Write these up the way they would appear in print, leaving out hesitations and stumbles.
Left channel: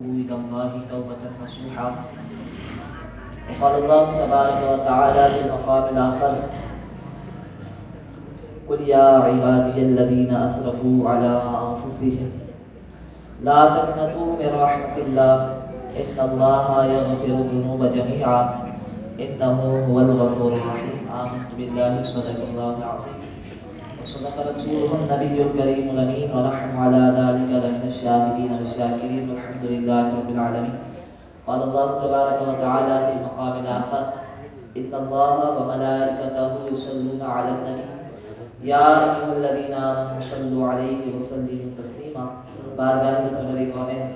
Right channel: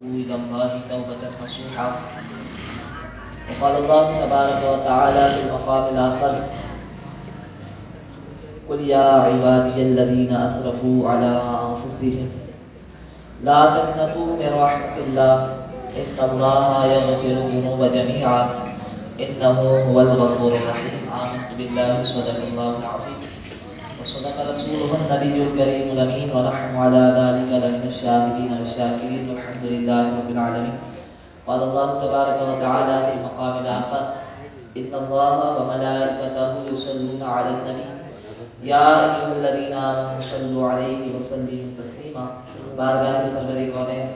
إلى الله توبة نصوحا. وقال الله تبارك وتعالى في المقام الآخر: قل يا عبادي الذين أسرفوا على أنفسهم لا تقنطوا من رحمة الله إن الله يغفر الذنوب جميعا إنه هو الغفور الرحيم. آمنت بالله صدق الله العظيم وصدق رسوله النبي الكريم الأمين ونحن على ذلك لمن الشاهدين والشاكرين والحمد لله رب العالمين. قال الله تبارك وتعالى في المقام الآخر: إن الله وملائكته يصلون على النبي یا ایھا الذین آمنوا صلوا علیہ وسلموا تسلیما. بارگاہ سرور کونین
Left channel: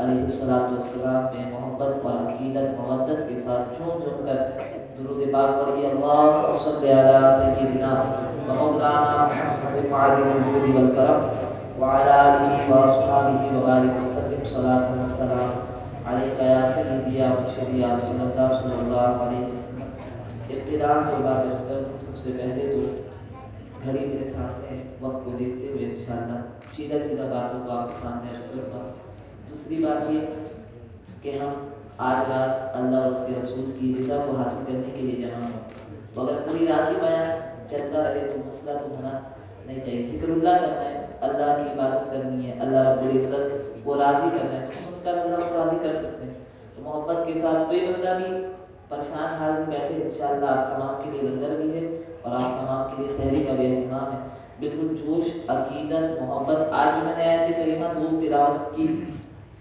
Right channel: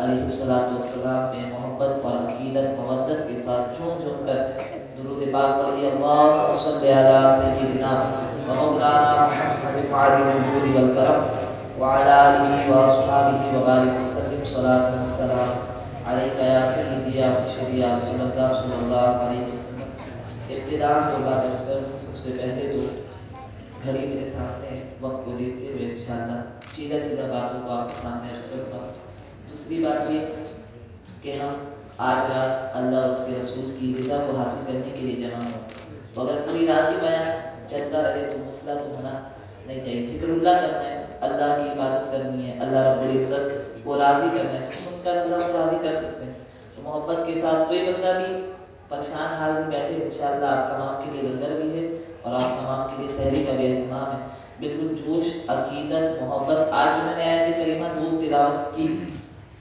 علیہ الصلوۃ والسلام میں محبت اور عقیدت مودت کے ساتھ جھوم جھوم کر درود پاک پڑھیے. اللہم صل علی سیدنا و مولانا محمد معدن الجود والکرم وعلی آلہ واصحابہ وبارک وسلم صلاۃ والسلام علیک یا سیدی یا مرشدی یا رسول اللہ صلی اللہ علیہ وسلم. ابتداء میں بات عرض کروں، سب سے پہلے تو گھڑی میرے سامنے وقت کو دیکھتے ہوئے انشاءاللہ چیدہ باتوں کو آپ کے سامنے عرض کروں گا. دوسری بات یہ کہ ہم آج رات اللہ اور اس کے رسول کی رضا کو حاصل کرنے کے لیے جمع ہوں. تو اگر پوری رات ہی بیان چلتا رہے تو مسئلہ تو ہونا نہیں چاہیے. ذکر اللہ کرنا ہے، اللہ کی عبادت کرنی ہے، اللہ رب العزت کو راضی کرنا ہے. سن کر اللہ کو راضی کر سکتے ہیں. تو محبت کے ساتھ کوئی بندہ بھی پریشان حال میں بیٹھے، انشاءاللہ آپ تمام کے لیے لنگر بھی ہے اور آپ تمام کے لیے سحری کا بھی اہتمام ہے. بالکل جوش، عقیدت، محبت. آج جو میں نے آیت کریمہ دو تلاوت کی،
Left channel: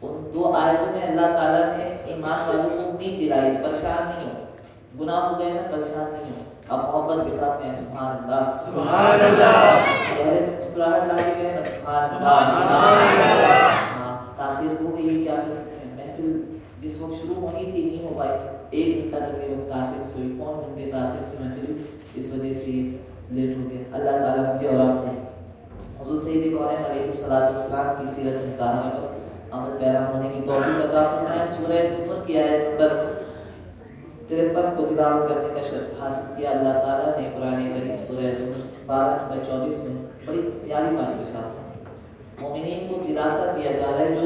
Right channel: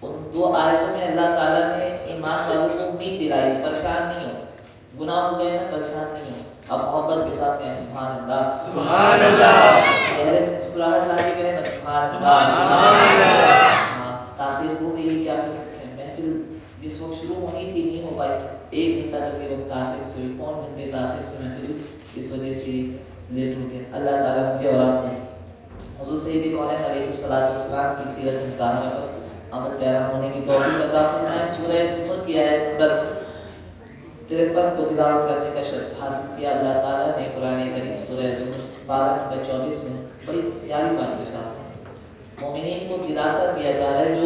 ان دو آیتوں میں اللہ تعالیٰ نے ایمان والوں کو امید دلائی، پریشان نہیں ہو. گناہ ہو گئے ہیں، پریشان نہیں ہو. اب محبت کے ساتھ کہیں سبحان اللہ، سبحان اللہ. چہرے میں مسکراہٹ لا کے کہیں سبحان اللہ. تاخیر ہو گئی، کیا کر سکتے ہیں. محفل جس وقت شروع ہونی تھی نہیں ہو پائی، 1 گھنٹہ تقریباً تاخیر سے ہوئی، 1 گھنٹے تاخیر سے محفل ہوئی، اس وجہ سے لیٹ ہو گیا. اللہ تعالیٰ مجھے اور آپ کو حضور سید کونین علیہ السلام کی سیرت مطہرہ پر عمل پیرا ہونے کی توفیق عطا فرمائے. سورہ زمر کی آیت نمبر 53 کو تلاوت کرنے کا شرف حاصل کیا. اللہ تعالیٰ نے قرآن کریم سورہ زمر 12 نمبر 24 میں بڑی پیاری بات کے ساتھ مومنین کو دلاسا دیا جا رہا ہے. جو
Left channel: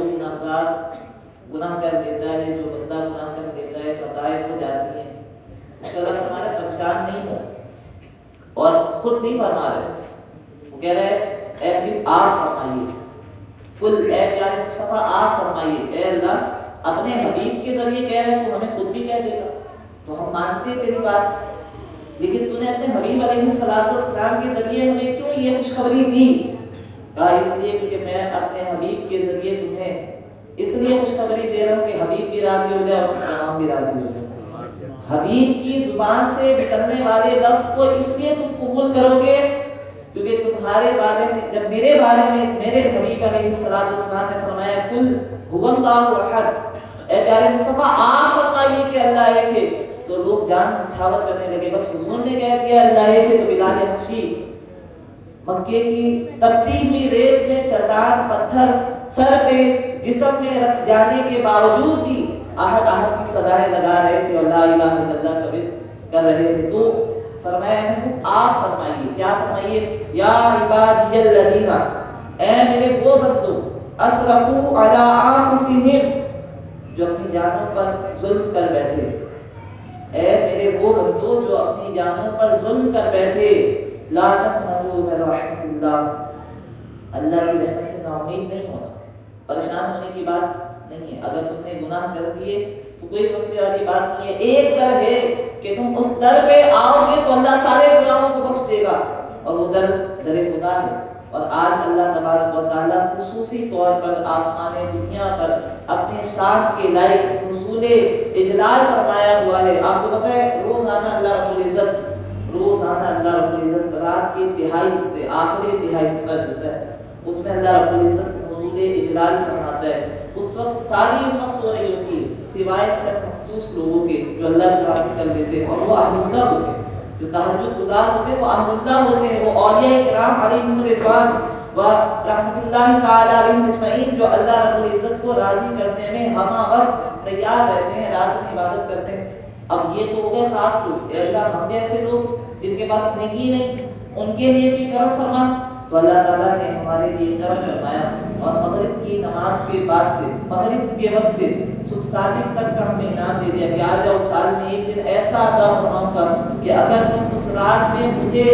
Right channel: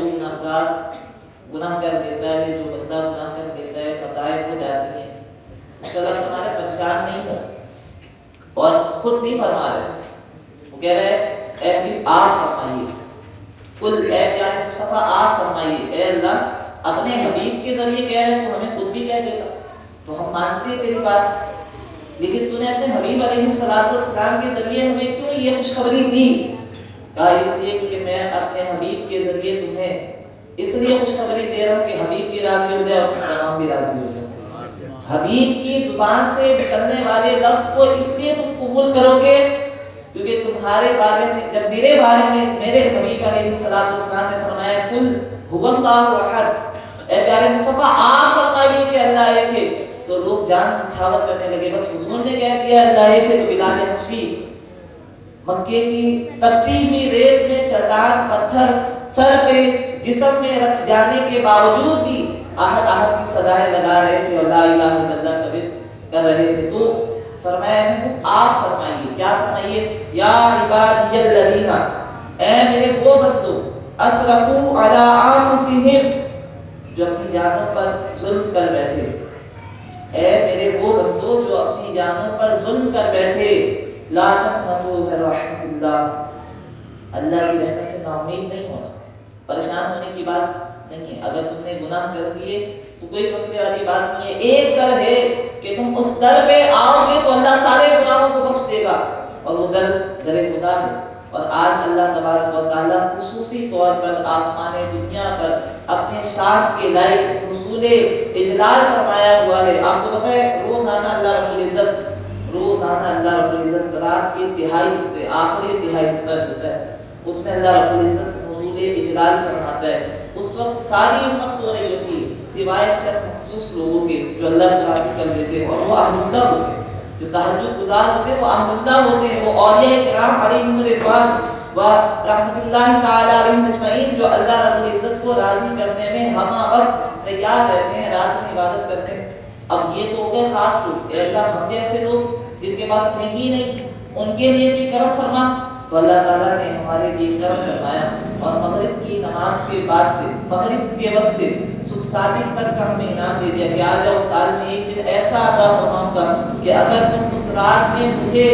گناہ کر دیتا ہے، جو بندہ گناہ کر دیتا ہے، خطائیں ہو جاتی ہیں، اس کا اللہ ہمارا پریشان نہیں ہو اور خود نہیں فرما رہے. وہ کہہ رہے اے حبیب آپ فرمائیے، کل اے پیارے مصطفیٰ آپ فرمائیے. اے اللہ اپنے حبیب کے ذریعے کہہ رہے تو ہمیں خود بھی کہہ دیتا تو ہم مانتے تیری بات، لیکن تو نے اپنے حبیب علیہ السلام کے ذریعے ہمیں کیوں یہ خوشخبری دی؟ کہا اس لیے کہ میں اپنے حبیب کے ذریعے تمہیں اس لیے خوشخبری دے رہا ہوں کہ حبیب بھی راضی ہو جائے اور تمام بھی راضی ہو جائے. حبیب کی زبان سے نکلنے والے لفظ کو اس لیے تم قبول کرو گے کیونکہ تمہارے بارے میں، جب میرے بارے میں میرے حبیب علیہ السلام نے فرمایا کل هو اللہ احد، اے پیارے مصطفیٰ آپ فرمائیے کہ اللہ ایک ہے، تو لوگ جان نچھاور کرنے لگے. بس حضور نے کہہ دیا اللہ ایک ہے تو بلال حبشی مکے کی تپتی ہوئی ریت میں چٹان پتھر سر پہ جسم میں رکھ جانے کے باوجود بھی احد احد کی صدائیں لگا رہے تھے اور لا الہ الا اللہ کبھی کر رہے تھے. تو فرمایا آپ فرمائیے، کیا فرمائیے؟ یا عبادی الذین، اے میرے وہ بندو، اسرفوا علی انفسہم، جو اپنی جانوں پر ظلم کر بیٹھے. اے میرے وہ بندو جو اپنی جانوں پر ظلم کر بیٹھے. لا تقنطوا من رحمت اللہ، اللہ کی رحمت سے نا امید نہیں ہونا. پریشان ہونے کی بات نہیں ہے. اگر تم نے گناہ کر دیے تو کوئی مسئلے والی بات نہیں ہے. ایک در ہے کہ تم اس در پہ آؤ گے تو اللہ سارے گناہوں کو بخش دے گا، اور وہ در خدا ہے. اور آج اللہ تبارک و تعالیٰ خصوصی طور پر آسمان دنیا پر اپنے شان کے لائق حصول اجلال فرمایا ہوا ہے. آپ کو پتہ ہے روزانہ اللہ رب العزت رات کے تہائی حصے، آخری تہائی حصہ ہوتا ہے، اس میں اللہ رب العزت حضور اجلال فرماتا ہے. اس وقت ساری امت سو رہی ہوتی ہے سوائے چند مخصوص لوگوں کے جو اللہ کو راضی کر لیتے ہیں، اور وہ اہل اللہ ہوتے ہیں. جو تہجد گزار ہوتے ہیں وہ اہل اللہ ہوتے ہیں، وہ اولیاء کرام علیہم رضوان و رحمۃ اللہ تعالی علیہم اجمعین، جو اللہ رب العزت کو راضی کرنے میں ہمہ وقت تیار رہتے ہیں، رات میں عبادت کرتے ہیں. اب یہ تو ہو گئے خاص لوگ. اے اللہ ہم جیسے لوگ جن کے پاس نیکی نہیں، ان کے لیے بھی کرم فرما. تو اللہ تعالیٰ نے ہمارے لیے کرم فرمایا اور مغرب کی نماز کے بعد سے مغرب کے وقت سے صبح صادق تک کا ہمیں انعام دے دیا کہ آ جاؤ سال میں ایک دن ایسا عطا فرماؤں گا کہ اگر تم اس رات میں مجھے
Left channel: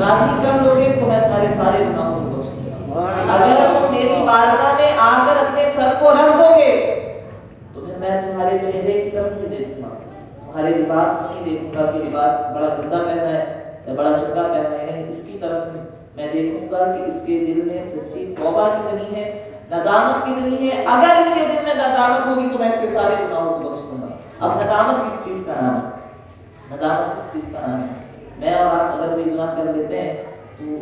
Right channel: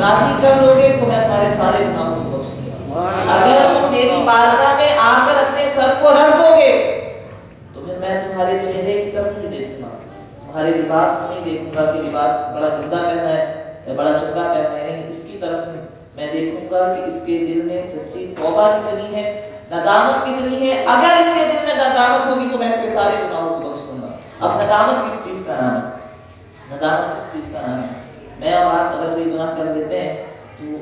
راضی کر لو گے تو میں تمہارے سارے گناہوں کو بخش دوں گا۔ اگر تم میری بارگاہ میں آ کر اپنے سر کو رکھ دو گے تو پھر میں تمہارے چہرے کی طرف نہیں دیکھوں گا، تمہارے لباس کو نہیں دیکھوں گا کہ لباس بڑا گندا پہنا ہے یا بڑا چنگا پہنا ہے، نہیں، اس کی طرف نہیں، میں دیکھوں گا کہ اس کے دل میں سچی توبہ کتنی ہے، ندامت کتنی ہے۔ اگر اس کے دل میں ندامت ہوگی تو میں اس کے سارے گناہوں کو بخش دوں گا۔ اب ندامت کس چیز کا نام ہے؟ ندامت کس چیز کا نام ہے؟ میں اور آپ اگر کوئی گناہ کر لیتے ہیں تو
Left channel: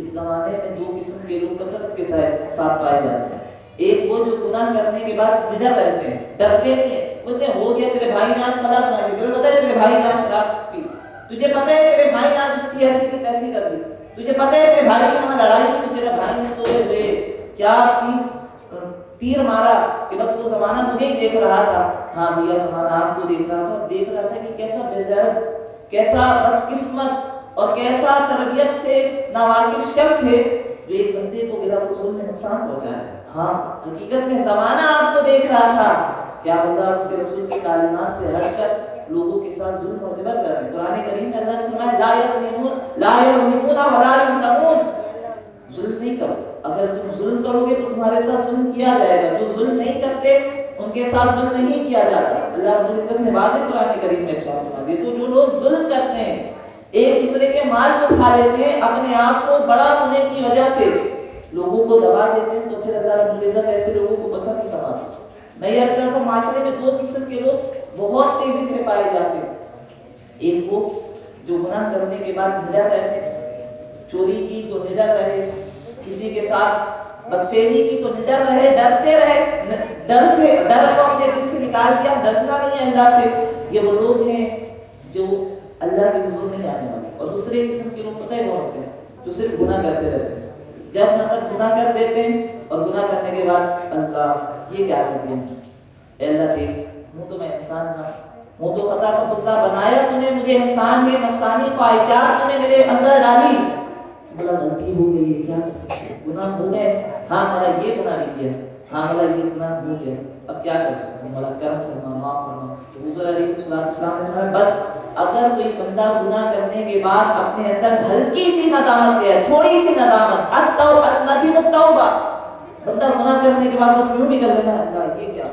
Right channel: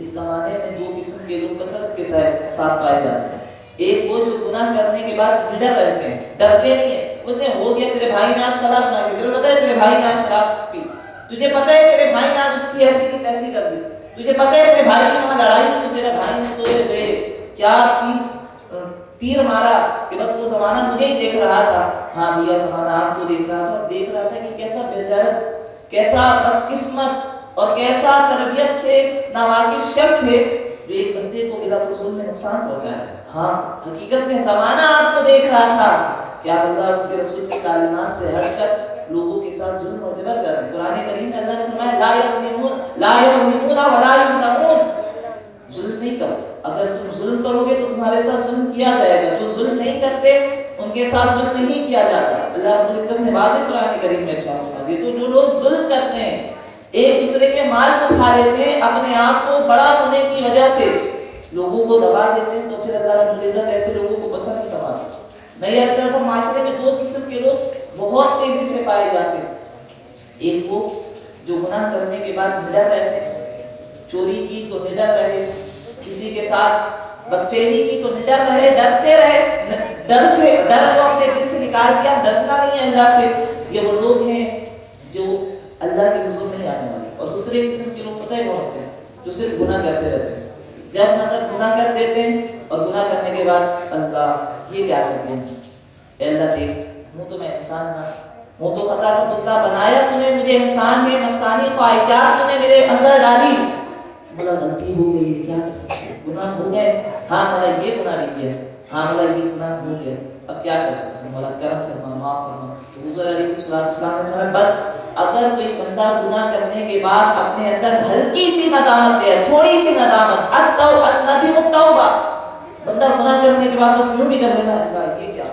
اس زمانے میں دو قسم کے لوگ کثرت کے ساتھ پائے جاتے ہیں۔ ایک وہ جو گناہ کرنے کے بعد نڈر رہتے ہیں، ڈرتے نہیں ہیں، بولتے ہیں ہو گیا، تیرے بھائی نے آج شراب نہ پی، تجھے پتہ ہے تیرے بھائی نے آج شراب پی، تجھے پتہ ہے تیرے بھائی نے آج اس کی ایسی کی تیسی کر دی، تجھے پتہ ہے تیرے بھائی نے وہاں لڑائی کی تو تیرے بھائی نے تو کیا تیر مارا کہ بس وہ زمانہ مجھے ہی دیکھ رہا تھا۔ ہاں بھیا، زمانہ آپ کو دیکھ رہا تھا، دیکھ رہا تھا کہ کیسا بےغیرت، کیسا بدقسمت اور کیسا تربیت سے ناواقف شخص ہے جو ایک بندے کو بلا فضول میں نقصان پہنچایا۔ ہاں، حقیقت میں زمانہ آپ کو دیکھ رہا تھا، کیا اللہ اس کے رسول کی تعلیمات سے ہٹ کر لوگوں کے ساتھ ظلم اور جبر کر رہے ہیں۔ قرآن کریم میں اللہ نے فرمایا لا یظلمون ولا یظلمون، ظلم نہیں کرو، اگر تم ظلم کرو گے تو تمہارے ساتھ ظلم کیا جائے گا، جو ظلم نہیں کرتے ان کے ساتھ ظلم نہیں کیا جاتا۔ اللہ رب العزت نے واضح قرآن کریم میں ارشاد فرمایا تو جو لوگ ظلم کرتے ہیں، ایک دوسرے کے مال کو کھا لیتے ہیں، اپنے آپ کو بڑا ہونے کی وجہ سے لوگوں کو دبا دیتے ہیں، تو پھر اللہ رب العزت ایسے لوگوں کو پسند نہیں کرتا۔ میں یہ کرتا ہوں معاشرے میں دو قسم کے لوگ بہت تیزی سے پائے جاتے ہیں۔ ایک وہ جو گناہ کرنے کے بعد نڈر رہتے ہیں، چوری کی تو نڈر رہے، کسی کے ساتھ بدفعلی کی تو نڈر رہے، ڈرتے رہے، ڈر کو اپنے دل سے نکال دیا، ڈرنا نہیں ہے اللہ سے۔ یہ وہ لوگ ہیں جو اللہ کے حضور نہیں آنے والے۔ اور دوسرے قسم کے لوگ پتہ ہے وہ ہوتے ہیں جو صرف گناہ کرتے رہتے ہیں، جب نہ تک گناہ کر دیتے ہیں اور گناہ کرنے کے بعد اللہ یہ کیا کرتے ہیں، اے اللہ دیکھ، ہوں تو میں انسان نہ، ہوں تو خطا کا پتلا بنایا تو نے مجھے، انسان ہے، نفسانی خواہشات تو نے میرے اندر ڈالی، بڑا غلطی ہو گئی ہے، کیا کر سکتے، گناہ ہو گئے، ہاں مولا یہ گناہ نہیں کیا، ہاں مولا یہ گناہ ہو گیا، اب کیا کر سکتے ہیں، مولا کرم فرما، معاف فرما۔ حضور علیہ السلام نے فرمایا بس اگر کوئی بندہ گناہ کرنے کے بعد اپنے اندر ہلکی سی ندامت لے، تھوڑی سی ندامت، الندم التوبہ، بندہ گناہ کرنے کے بعد بس یوں بھی کر لینا، اللہ یہ کیا،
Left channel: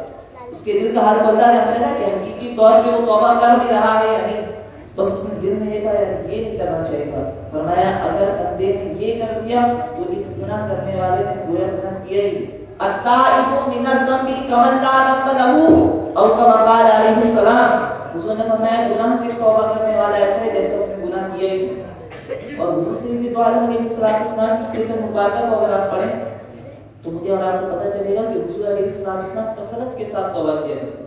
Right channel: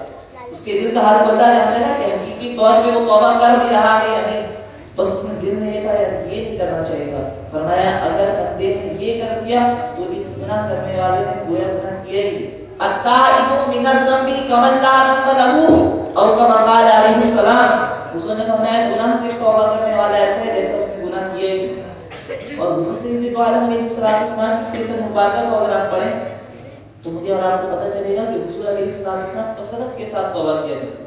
اس کے دل کا حال تو اللہ جانتا ہے کہ حقیقی طور پہ وہ توبہ کر بھی رہا ہے یا نہیں، بس اس نے دل میں یہ کہا یار یہ نہیں کرنا چاہیے تھا۔ فرمایا اگر بندے نے یہ کر دیا تو اس گناہ کرنے والے نے گویا گناہ کیا ہی۔ التائب من الذنب کمن لا ذنب له، اور کما قال علیہ السلام، حضور نے فرمایا گناہ سے توبہ کرنے والا ایسے جیسا اس نے گناہ کیا ہی۔ اور حضور سے تو عالم علیہ السلام کی سیرت مبارکہ کو اگر آپ پڑھیں تو مجھے اور آپ کو پتہ چلے گا کہ حضور علیہ السلام کثرت کے ساتھ توبہ کیا کرتے ہیں۔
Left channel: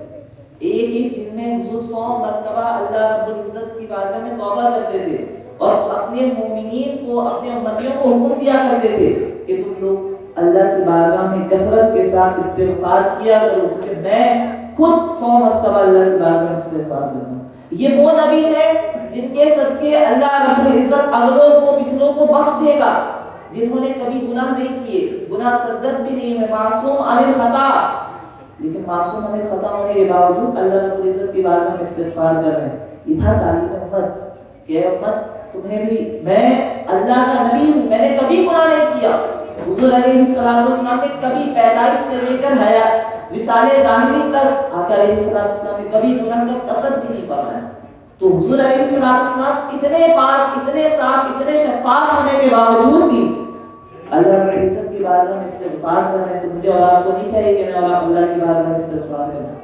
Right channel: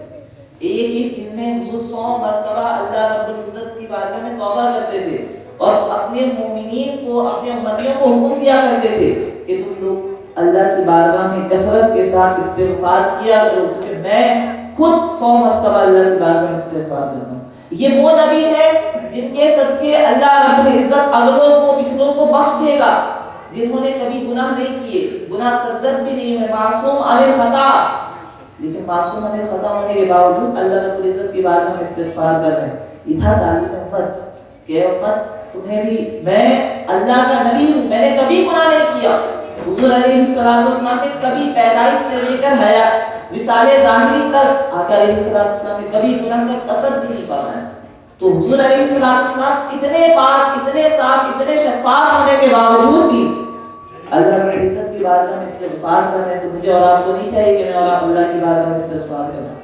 ایک ایک دن میں حضور 100 مرتبہ اللہ رب العزت کی بارگاہ میں توبہ کرتے تھے اور اپنے مومنین کو، اپنے امتیوں کو حکم دیا کرتے تھے کہ تم لوگ اللہ کی بارگاہ میں کثرت کے ساتھ استغفار کیا کرو، کیونکہ میں خود 100 مرتبہ اللہ کی بارگاہ میں استغفار کرتا ہوں۔ یہ وہ نبی ہے جن کے صدقے اللہ رب العزت اگلوں کو پچھلوں کو بخش دے گا، جنہوں نے کبھی گناہ نہیں کیے، گناہ سرزد بھی نہیں ہے، معصوم عن الخطا، لیکن معصوم عن الخطا ہونے کے باوجود اللہ رب العزت کی بارگاہ میں استغفار کر رہے ہیں۔ یہ تھا تعلیم امت کہ امت تمہیں بھی، میں اللہ کا نبی ہوں، میں نے کبھی گناہ نہیں کیا۔ حضور علیہ السلام نے کبھی پیدائش سے لے کر حیات وصال ظاہری تک آقا علیہ السلام نے کبھی گناہ کا قصد بھی نہیں فرمایا۔ تو حضور علیہ السلام اتنے پاک، اتنے صاف، اتنے شفاف ہونے کے باوجود بھی اللہ رب العزت کی بارگاہ میں استغفار کر رہے ہیں، تو مجھے اور آپ کو نہیں چاہیے کہ میں اللہ کی بارگاہ میں استغفار کروں؟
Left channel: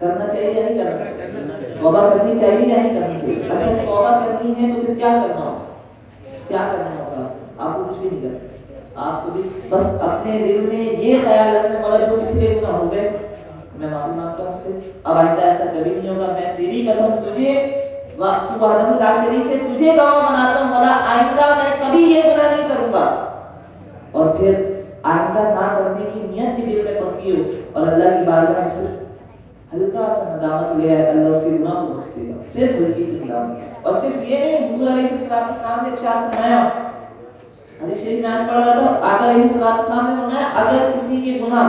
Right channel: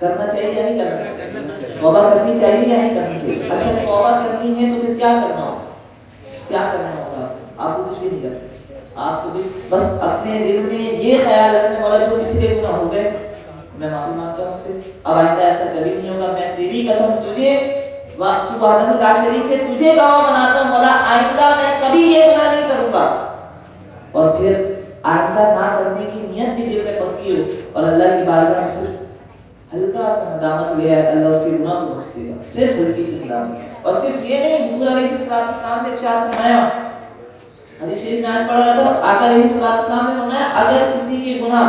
کرنا چاہیے یا نہیں کرنا چاہیے؟ توبہ کرنی چاہیے یا نہیں کرنی چاہیے؟ اچھا توبہ کرنی ہے تو پھر کیا کرنا ہوگا؟ کیا کرنا ہوگا؟ آپ کو کچھ بھی نہیں کرنا، آپ کو بس اپنے دل میں یہ خیال رکھنے والا جو پچھلے گناہ ہو گئے میں معافی مانگتا ہوں اس سے، اب آئندہ ایسا کبھی نہیں ہوگا، میں تیری قسم تجھے وحدہ لا شریک ہے تجھے گواہ بناتا ہوں مولا، آئندہ میں کبھی یہ گناہ نہیں کروں گا۔ اور پھر آئندہ نہ کرنے کی نیت بھی دل میں پکی ہو اور اللہ کی بارگاہ میں صرف ہلکا سا ندامت لے آئے، اللہ اس کے گناہ کو بخش دے گا، صرف ہلکی سی ندامت۔ اور صرف یہ نہیں، حضور علیہ السلام نے ارشاد فرمایا حدیث شریف میں آج پڑھ رہا تھا، آقا علیہ السلام نے فرمایا اگر کسی کے گناہ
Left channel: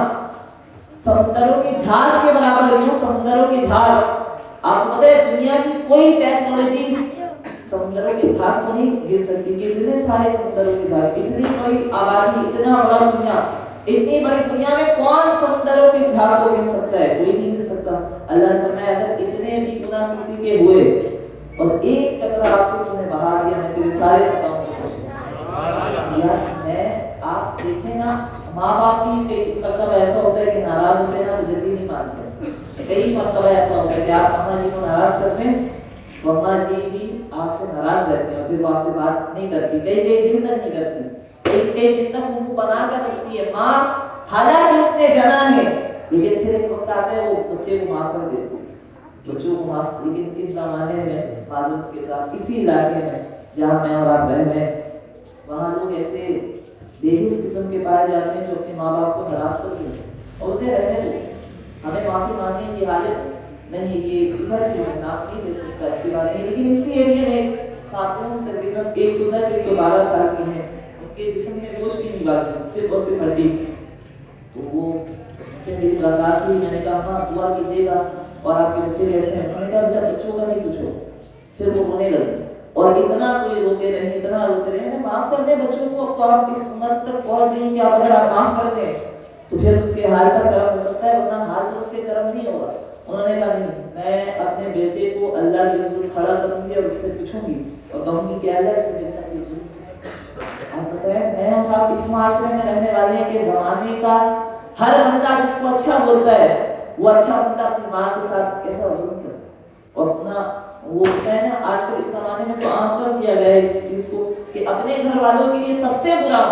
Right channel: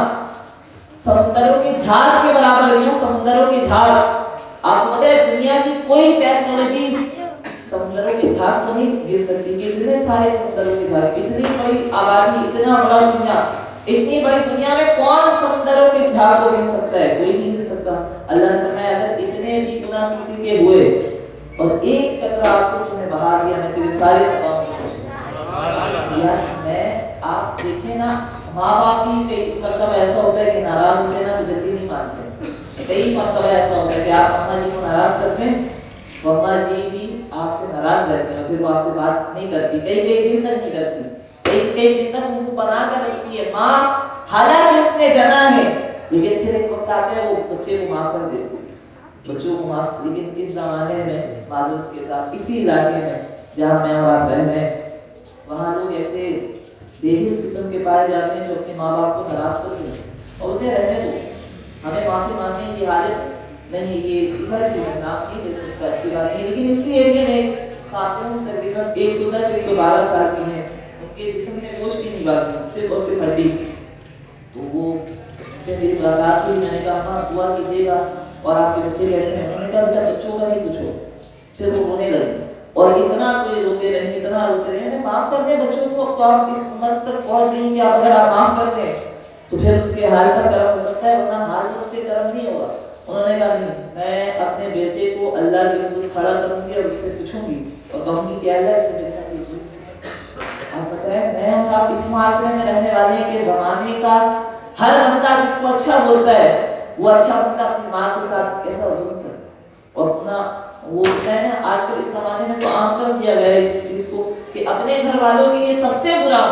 سمندروں کی جھاگ کے برابر ہو، سمندروں کی جھاگ، آپ کو پتہ ہے دنیا کی کوئی ٹیکنالوجی سمندروں کی جھاگ کو نہیں گر سکتی کہ اتنے سارے سمندروں کی جھاگ، اتنی بڑی آبادی، اتنا بڑا دنیا، اتنی بڑی دنیا میں کون سمندروں کی جھاگ کو گر سکتا ہے؟ کوئی نہیں گر سکتا۔ اللہ نے فرمایا اگر اتنے بھی گناہ کسی کے ہوئے اور ایک قطرہ آنسو تمہیں بہا دیا، میں تیرے سارے خطاؤں کو میں آپ دیکھیں نا، ماں باپ بھی کئی مرتبہ ایسا ہوتا ہے کہ ناراض ہوتے ہیں نا تو جلدی نہیں مانتے، کئی مرتبہ ایسا ہوتا ہے کہ آپ اماں جی کو ناراض کرتے ہیں تو اماں جی بھی آپ سے ناراض رہتے ہیں، پھر وہ آپ سے بات نہیں کرتی، کئی دن تک نہیں کرتی، کئی دن تک ان کو بنا کر رکھتی ہے ماں، حالانکہ اس نے جنا ہے، لیکن پھر ایک وقت آتا ہے وہ بچے کو معاف کر دیتی ہے، بچوں کو معاف۔ لیکن اس زمانے میں معذرت کے ساتھ اسی علاقے میں جہاں میں اور آپ رہ رہے ہیں، وہاں لوگ ایسے بےحس قسم کے پائے جاتے ہیں جو اپنے ماں باپ کو ناراض کرتے ہیں، اور ہوتے رہنے تو ہمیں معافی مانگنے کی حاجت نہیں کہ ادھر کی میں نام نہیں دے سکتا، اچھی بات نہیں، لیکن اسی ایریے میں خاتون تقریباً 110 سے 112 سال کی ہیں، ان کے جسم میں گوشت بھی نہیں باقی، صرف اور صرف ہڈی، تو وہ سے میری ملاقات ہوئی، میں نے کہا ہاں دعا کیجیے گا اور آپ کے بچے کیسے ہیں؟ انہوں نے کہا میرا بچوں کا نہیں پوچھو، پھر وہ رونے لگے اور اتنا کوئی روتے رہے، اتنا روتے رہے، معاف کر دیں بچوں کو، تو آپ اس عمر تک پہنچ گئی کہ آپ اگر آپ معاف کر دیں تو پھر اس کے حال پر کرم ہو سکتا ہے، ورنہ حال تو اس کے کرم نہیں ہوگا۔ انہوں نے کہا نہیں، میں اپنے بیٹے کو اللہ کے حضور کھڑا کروں گی اور اس سے پوچھوں گی اور کہوں گی کہ اللہ اس نے میرے ساتھ یہ ظلم کیا۔ آپ بتائیں میں اور آپ اس معاشرے میں رہنے والے ہیں کہ زمانے کا ہر بندہ جس کو اچھا بولتا ہے وہ اچھا بندہ اپنی ماں کے ساتھ کیسا ظلم کرتا ہے، اور اپنا وہ ہوتا ہے نا آج کل اس زمانے میں تو عام کر دیا گیا ہے اس چیز کو کہ اپنے گھر والوں کے لیے سب سے برا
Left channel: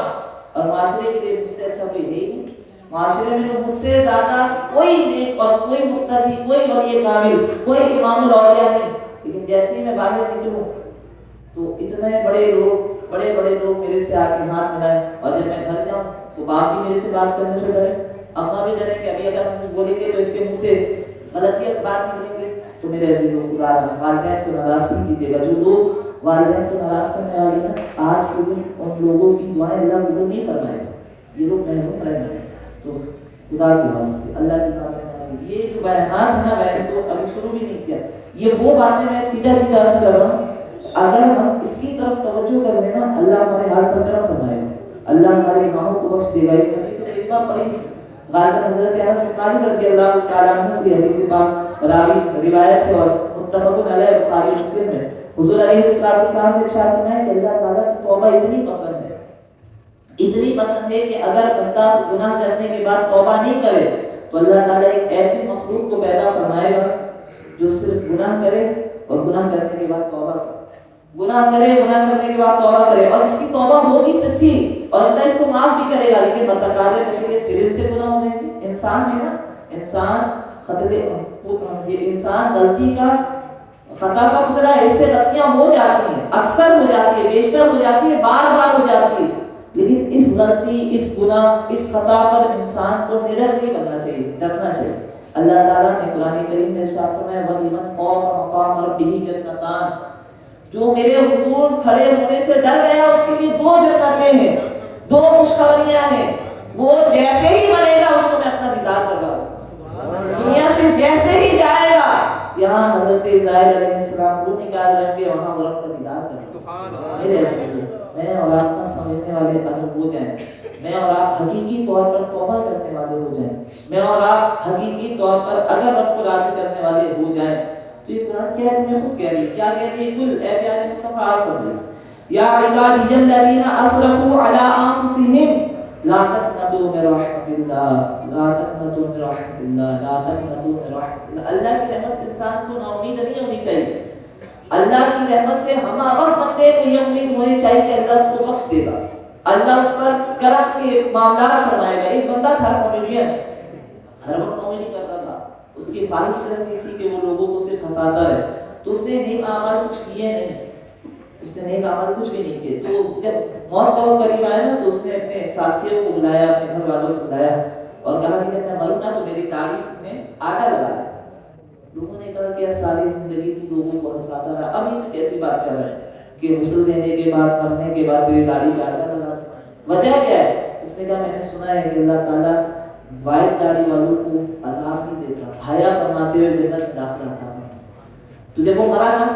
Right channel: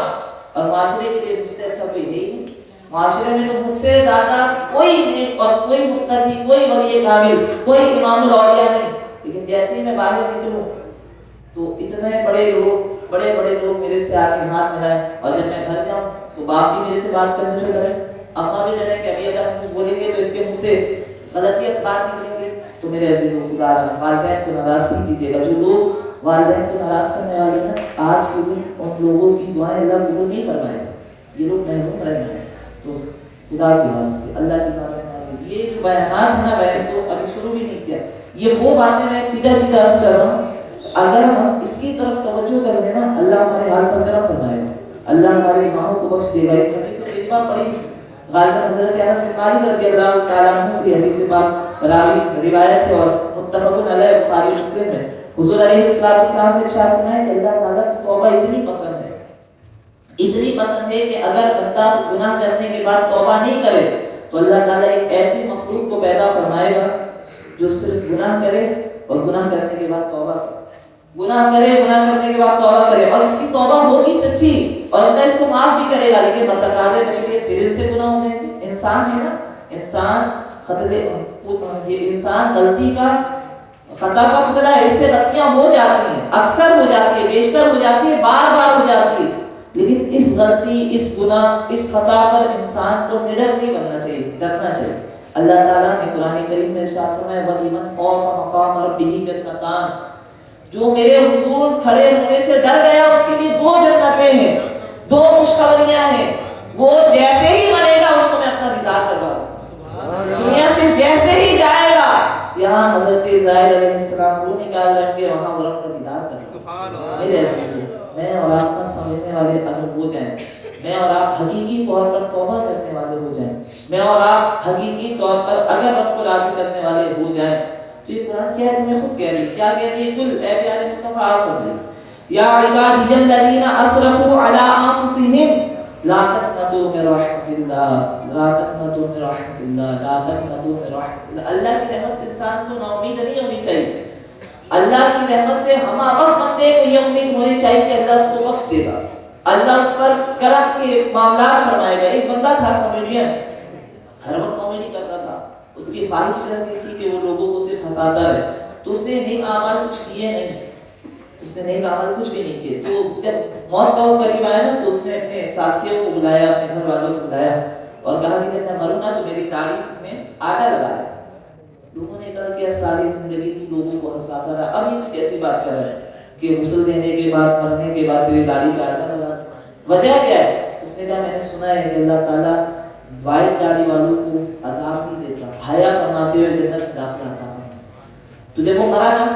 اور معاشرے کے لیے مجھ سے اچھا کوئی ہے ہی نہیں، معاشرے میں تو مجھ سے زیادہ کوئی نیک اور کوئی مقتدی، کوئی ولی کامل، کوئی امام الاولیاء نہیں، لیکن جیسے ہی میں باہر نکلوں تو اتنے بڑے لوگ میرے سے آ کے ہاتھ ملائیں، اور جب میں گھر جاؤں تو باپ بھی میرے سے بات کرنے سے ڈرے، اماں بھی ڈرے کہ ابھی اگر ہم کچھ بولیں گے تو اس کے منہ سے غلطی بات نکلیں گے۔ تو میرے عزیز و خدا والدین کو ناراض نہیں کیجیے گا، جو لوگ والدین کو ناراض کرنے والے ہیں آج کے دن ان لوگوں کی دعائیں اللہ قبول نہیں فرمائے گا، یہ لوگ محروم رہیں گے۔ تو خدا کی واسطے اللہ کی باتیں، یہ جو بیانات ہے نا، میں تو ابھی شروع بھی نہیں کیا، یہ وہ باتیں میں چیدہ عرض کر رہا ہوں، اگر ہم اس کی طرف توجہ کر لیں نا اللہ ہمارے حال پر کرم فرمائے گا، اللہ ہمارے گناہوں کو بخش دے گا۔ ایک حدیث طیبہ پڑھی غالباً حضرت انس بن مالک رضی اللہ تعالیٰ عنہ سے حدیث پاک راوی روایت ہے اور متفق علیہ بخاری مسلم ہے، حضور علیہ السلام نے ارشاد فرمایا کہ اللہ تعالیٰ کو توبہ اتنی پسند ہے کہ اگر بندہ گناہ کرنے کے بعد توبہ نہیں کرے تو اللہ تعالیٰ ایک ایسی مخلوق کو پیدا فرمائے گا جو صرف گناہ کرے اور گناہ کرنے کے بعد توبہ کرے، گناہ کرنے کے بعد توبہ کرے، اور اس کی توبہ ہوگی سچی اور اللہ اس کو معاف بھی کرے گا، لیکن متقاضے بشریت پھر سے گناہ ہو جائیں گے۔ انسان ہے نا، انسان غلطی کا، خطا کا پتلا ہے، اس سے غلطیاں ہو جاتی ہیں، اکثر ہو جاتی ہے، بیشتر ہو جاتی ہے، بار بار ہو جاتی ہے، لیکن اس غلطی، اس گناہ، اس خطا پر انسان کو نڈر نہیں بننا چاہیے، ڈرنا چاہیے۔ اللہ تعالیٰ نے قرآن کریم میں ارشاد فرمایا وَلِمَنْ خَافَ مَقَامَ رَبِّهِ جَنَّتَانِ، جو میرے حضور کھڑے ہونے سے ڈر گیا اس کے لیے 2 جنتیں ہیں، 2 خوشخبریاں ہیں، وہ جیسے ہی مرے گا اس کو میں اپنا دیدار کرواؤں، دنیا سے جیسے ہی جائے گا، یہاں حضرت اسرائیل علیہ السلام کو نکال کر کے وہاں وہ اپنا دیدار کرواؤں۔ میرے ایسے میں اور آپ کا سمجھنے والے اگر ہو جائیں، میں اور آپ حقیقی طور پر توبہ کرنے والے ہو جائیں، میں اور آپ حقیقی طور پر اگر رب کو راضی کرنے والے ہو جائیں، تو یہ قرآن کیا ہے؟ خود کہہ رہی کیا کہہ رہی ہے؟ کل اے پیارے مصطفیٰ آپ فرمائیں یا عبادی الذین اسرفوا علی انفسہم لا تقنطوا من رحمت اللہ، لا تقنطوا من رحمت اللہ، لا تقنطوا من رحمت اللہ۔ اللہ کی رحمت سے انسان کو نا امید نہیں ہونی چاہیے، اللہ کی رحمت سے ہم وقت بندے کو یہ امید ہونی چاہیے کہ اللہ اس کو بخش دے گا، اللہ اس پر کرم کے معاملات فرمائے گا۔ ایک بندہ تھا کامیڈین، ہر وقت کامیڈی کرتا تھا، اس کی خواہش رہتی تھی کہ وہ لوگوں کو صرف ہنساتا رہے، تو اس نے نیک اعمال کچھ کیے نہیں، اس نے نیک اعمال کچھ بھی نہیں کیے۔ تو جب موت کا وقت قریب آیا نا تو اس نے اپنے ساتھیوں کو بلایا، اپنے گھر والوں کو بلایا اور کہا کہ جب میں مروں نا تو میری داڑھی میں آٹا لگا دے۔ لوگوں نے کہا کہ ساری زندگی لوگوں کو ہنساتا رہا، اب یہ کیسی بات کر رہا ہے کہ غسل دینے کے بعد، مرنے کے بعد تیری داڑھی کا آٹا لگا دے؟ وجہ کیا ہے؟ اس نے کہا میں نے سنا ہے کہ اللہ تعالیٰ وائٹ داڑھی والوں کو عذاب نہیں دیتا، حیا فرماتے ہوئے جنت میں داخلہ عطا فرماتا۔ تو جب وہ مرا تھا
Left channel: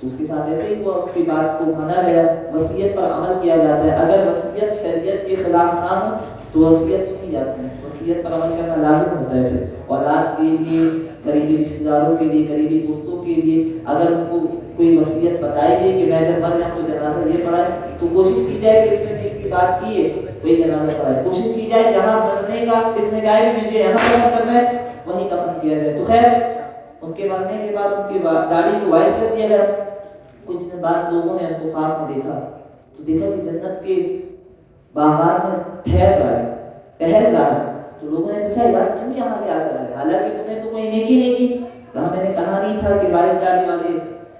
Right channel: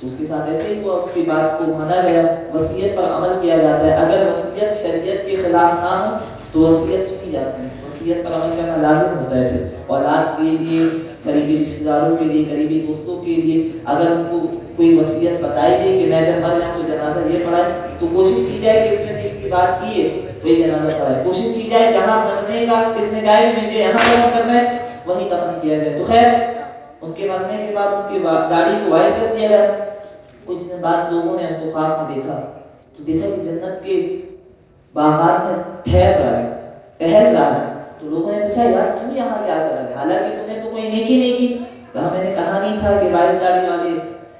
تو اس کے ساتھ ایسے ہی ہوا، اس کی بات کو مانا گیا، وصیت پر عمل کیا جاتا ہے۔ اگر وصیت شریعت کے خلاف نہ ہو تو وصیت سنی جاتی ہے، وصیت پر عمل کرنا لازم ہوتا ہے۔ پھر اولاد کے لیے، قریبی رشتہ داروں کے لیے، قریبی دوستوں کے لیے اگر ان کو کوئی وصیت بتائی گئی کہ میں جب مر جاؤں تو جنازہ یہ پڑھائے، تو کوشش کی جائے کہ اس نے جس کی بات کی ہے وہی جنازہ پڑھائے، کوشش کی جائے جہاں مرنے کا اس نے کہا ہے کہ مجھے یہاں دفن کرنا ہے وہی دفن کیا جائے۔ تو خیر ان کے مرنے کے بعد ان کی داڑھی کو وائٹ کر دیا گیا۔ کچھ دن بعد لوگوں نے ان کو خواب میں دیکھا تو دیکھا کہ جنت کے باغات میں ٹھہر رہا ہے، ٹہل رہا ہے۔ تو لوگوں نے پوچھا یار تم یہاں کیا کر رہے؟ حالانکہ تم نے تو کوئی نیکی نہیں کی۔ کہا میں نے کہا نہیں تھا کہ وائٹ داڑھی والے،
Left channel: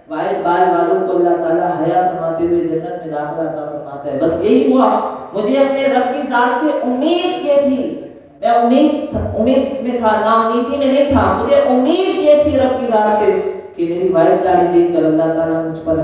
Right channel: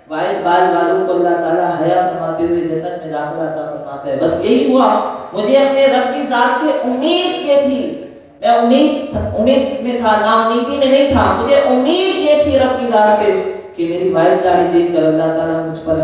وائٹ بال والوں کو اللہ تعالیٰ حیا فرماتے ہوئے جنت میں داخلہ عطا فرماتا ہے۔ بس یہی ہوا، مجھے اپنے رب کی ذات سے امید یہ تھی، میں امید میں تھا، نا امیدی میں نہیں تھا، مجھے امید یہ تھی رب کی ذات سے کہ میری وائٹ داڑھی دیکھ کر اللہ تعالیٰ مجھ پر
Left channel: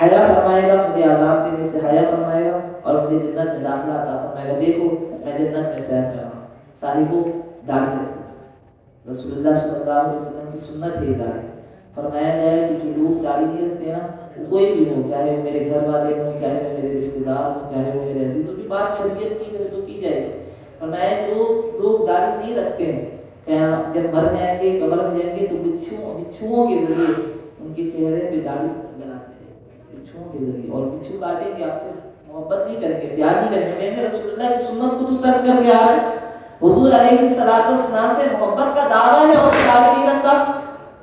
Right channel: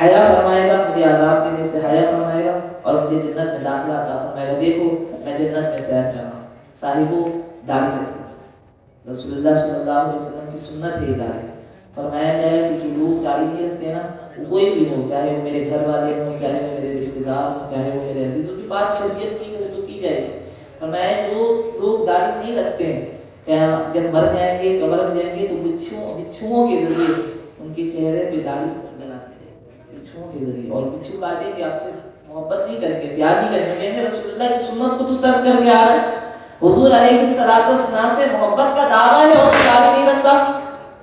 حیا فرمائے گا، مجھے عذاب دینے سے حیا فرمائے گا اور مجھے جنت میں داخلہ عطا فرمائے گا۔ دیکھو میں جنت میں سیر کر رہا ہوں، صاحبو داڑھی رکھو، رسول اللہ صلی اللہ علیہ وسلم کی سنت ہے داڑھی۔ فرمایا گیا ہے کہ جو لوگ داڑھی نہیں رکھتے نا، کوئی بھی ہو، چاہے وہ میرے گھر والے ہوں، چاہے وہ میرے رشتے دار ہوں، چاہے وہ میرے عزیزوں کی بات شریعت کی ہو تو کی جائے گی۔ فرمایا جو لوگ داڑھی نہیں رکھتے ہیں کیا جب مر جائیں گے، قبر میں جائیں گے تو بچھوؤں کے ذریعے ان کے چہرے پہ داڑھی لگاتے ہیں، بچھوؤں کے ذریعے، اور بچھو کاٹیں گے، آپ سے محبت نہیں کریں گے، پیار نہیں کریں گے، کہیں گے رسول اللہ کی سنت کو تو ترک کر کے آ رہا ہے۔ حضور علیہ السلام سے محبت کا دعویٰ ہے اور داڑھی نہیں رکھتا،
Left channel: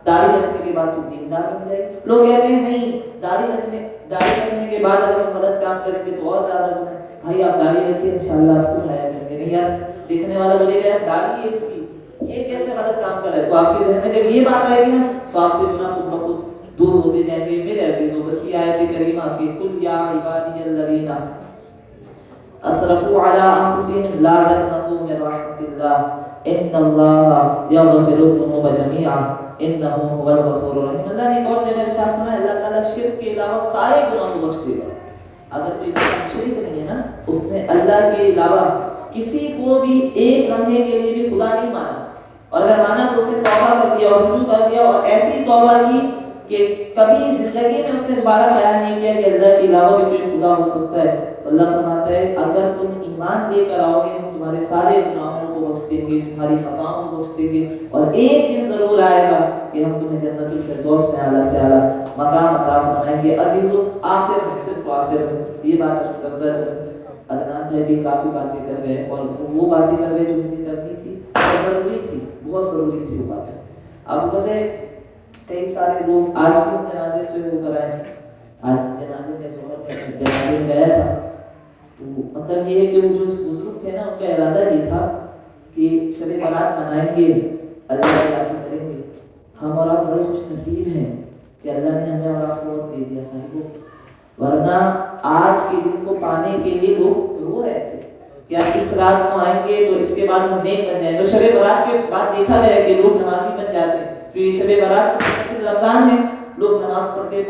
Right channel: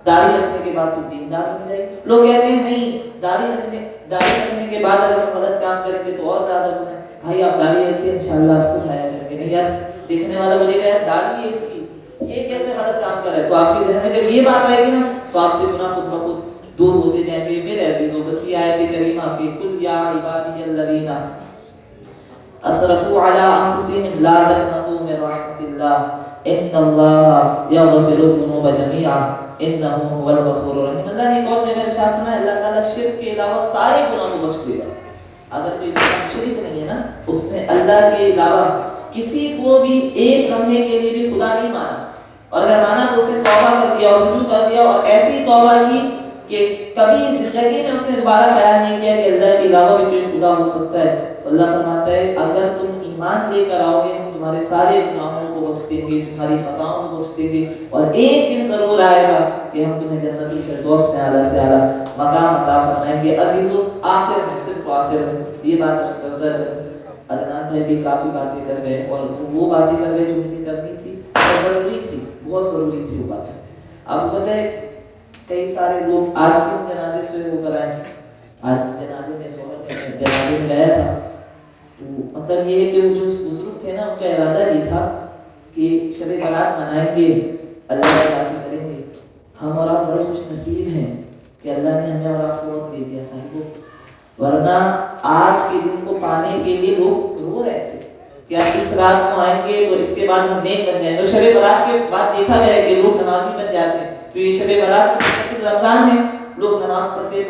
داڑھی رکھنے کے بعد تو دیندار بن جائے گا۔ لوگ کہتے ہیں نہیں داڑھی رکھنے کے بعد اگر ہم غلط کام کریں گے تو اور زیادہ بنے۔ بھائی آپ داڑھی رکھیے انشاءاللہ آپ خود حیا کریں گے۔ نہیں یار، دیکھنے والا بولے گا یار داڑھی ہے اس کی، یہ کیسے غلط کام کر رہا ہے، تو آپ کے ذہن میں جب یہ بات آئے گی نا تو آپ سے گناہ خود بخود دور ہوتے جائیں گے۔ میرے ایسے جو بس کی آیت کریمہ کی قل یا عبادی الذین اسرفوا علی انفسہم لا تقنطوا من رحمۃ اللہ ان اللہ یغفر الذنوب جميعا انہ هو الغفور الرحیم۔ اللہ نے ایک اور جگہ ارشاد فرمایا اللہ تعالیٰ شرک کے علاوہ سارے گناہوں کو بخش دے گا۔ اگر کوئی شریک نہیں ہے نا، اس نے اللہ کے علاوہ کسی کو بھی ایک لمحے کے لیے بھی خدا نہیں مانا، اور اگر مانا تو اسے توبہ کر دیا اور رجوع کر دیا اور ایسی توبہ کی کہ کبھی زندگی میں اس نے دوبارہ خیال نہیں کیا کہ اللہ کے علاوہ بھی کوئی خدا ہو سکتا ہے، تو اللہ فرماتا ہے اگر تم ایمان لے کر آؤ گے ہم تمہارے سارے گناہوں کو بخش دیں گے، تمہاری خطاؤں کو بخش دیں گے، اور ایک دن ضرور آئے گا کہ ہم تمہیں جنت الفردوس میں اعلیٰ سے اعلیٰ مقام عطا فرمائیں گے۔ عزیزو آخر میں، صرف آخر میں یہ بات عرض کرتا چلوں، عدنان بھائی بھی کافی باتیں کر گئے اور وہ باتیں کر گئے جو مجھے کرنی تھی اور ضروری تھی، بہت ضروری تھی وہ باتیں۔ آپ بتائیں کئی سارے لوگ آج بھی جنازے سے ہو کر آئے، آج جنازے میں گیا تھا تو مطلب یہ ہے کہ وہ جو بزرگ تھے نا ان کا ارادہ یہ تھا کہ شب برات منائیں گے، اللہ کا راضی کریں گے۔ ہم اور آپ بڑے خوش نصیب ہیں کہ اللہ نے ہمیں اور آپ کو وقت دے دیا صاحب، ورنہ آج کے دن کو پانے کے لیے لوگ رو رہے تھے کہ آپ اس رات کو آئیں گے تو اس کے بعد ہم نیک بن جائیں گے۔ شب برات کے بعد دیکھا گیا کہ لوگ نمازی بن جاتے ہیں، کیونکہ شب برات سے رمضان ہے، لوگ نماز پڑھتے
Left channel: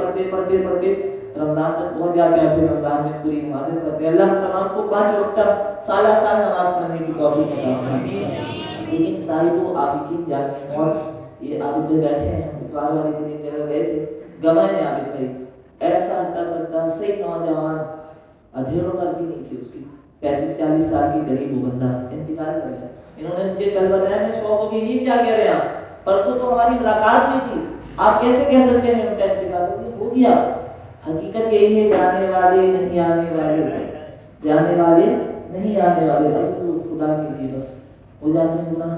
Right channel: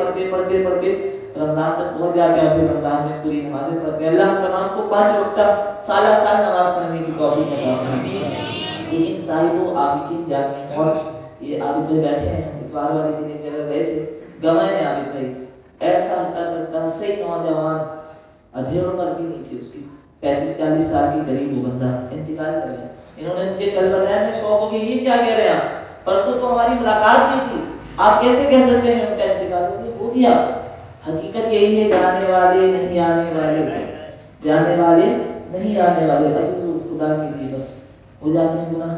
رمضان تک پہنچ جاتے ہیں، پھر رمضان میں پوری نمازیں پڑھتے ہیں۔ اللہ ہم تمام کو 5 وقت سالہ سال نماز پڑھنے کی توفیق عطا فرمائے۔ لیکن صاحبوں آپ یقین جانیں، اور یہ عابد بھائی بیٹھے ہیں، اتوار والے دن ایک جگہ گئے تھے، گواہ ہیں عابد بھائی، ایسا کرتا صحیح نوجوان، ادھیڑ عمر بھی نہیں تھی اس کی، 35-40 سال کی قریب وہ بندہ انتقال کر گیا۔ انہوں نے مجھے کل بتایا، میں شوق ہو گئی، یہ کیا کہہ رہے ہیں آپ، پرسوں تو ہماری ملاقات بھی تھی، آپ کیسے کہہ سکتے ہیں ان کا انتقال ہو گیا؟ حقیقت یہی ہے، جانے والے نہیں آنے والے، جانے والے نہیں آنے والے۔ عزیز خدا کے لیے بس ہو جاتے ہیں گناہ،